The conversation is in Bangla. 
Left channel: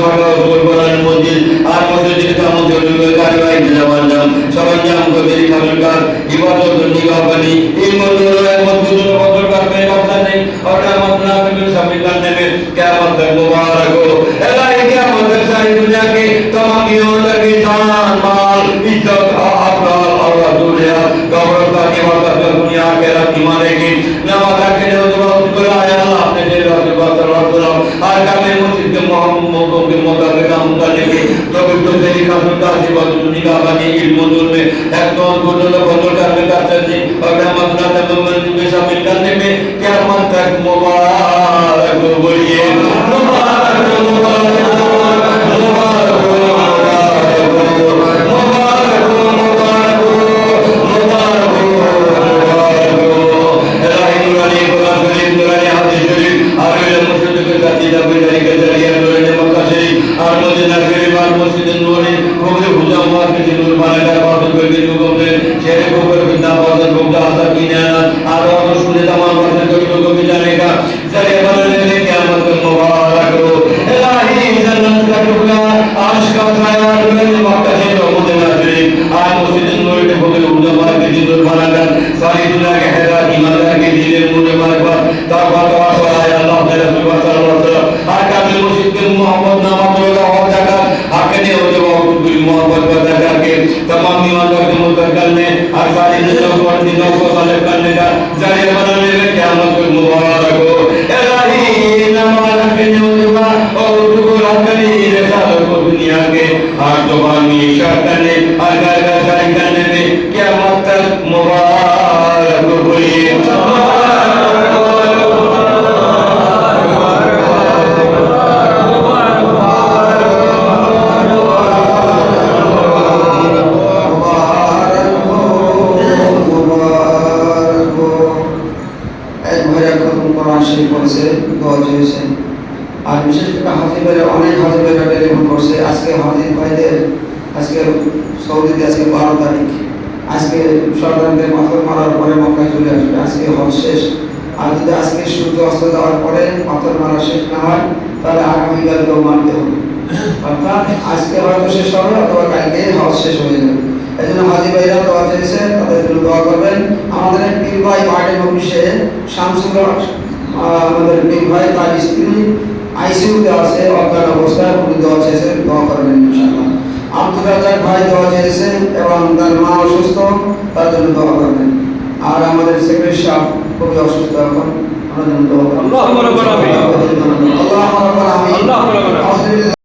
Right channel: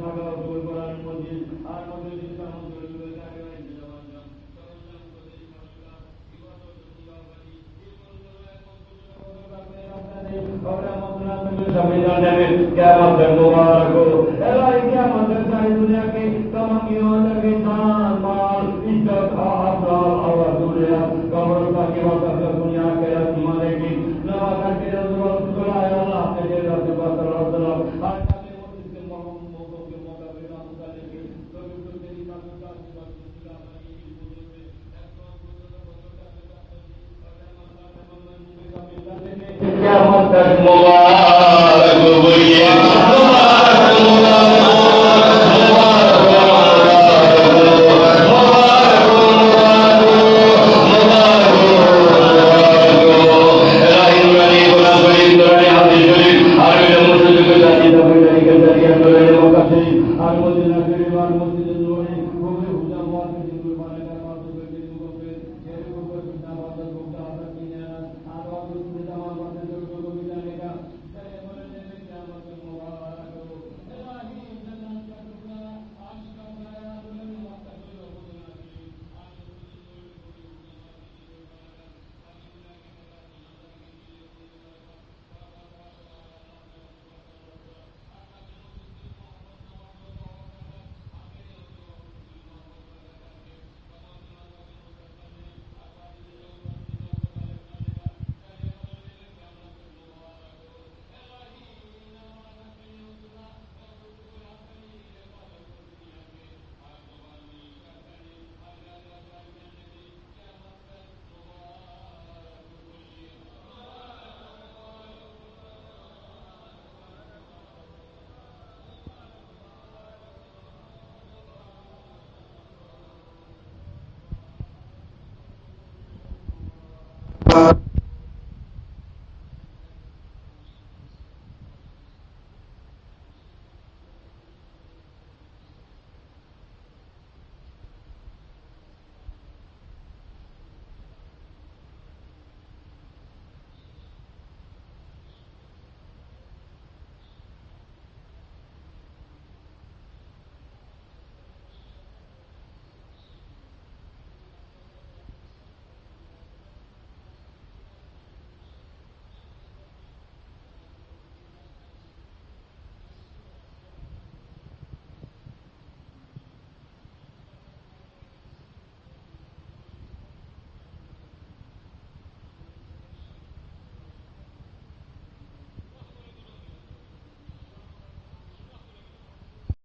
শাখা ও কোরআন মসজিদ আর মসজিদের কামতে কারবাই জামানাম সরঞ্জাম কবির খালকার ইবাদত নিগাহবানি এই মজুর মসজিদ বদল করবে কথা নেই और कियामत ना बिल्कुल शामिल करने में कियामत तक मुबारक हो इलाही कियामत तक सारी दुनिया के तमाम योद्धा की जान माल इज्जत अफराल और दुनिया गौरव का निवास दुनिया के रब ईमान की नमाज के जो दुआ है अल्लाह अपने दिल और बात और सुनो और कामे मस्जिद के मोहम्मद के मुताबिक काम करने की पवित्र तरीका सुनता जीवन दुनिया बनी इल्म मौजूद में एक तो गुजर बदल करने का चाहिए और कियामत ना तक मंजिल में शामिल करने में कियामत तक मुबारक हो ये Allah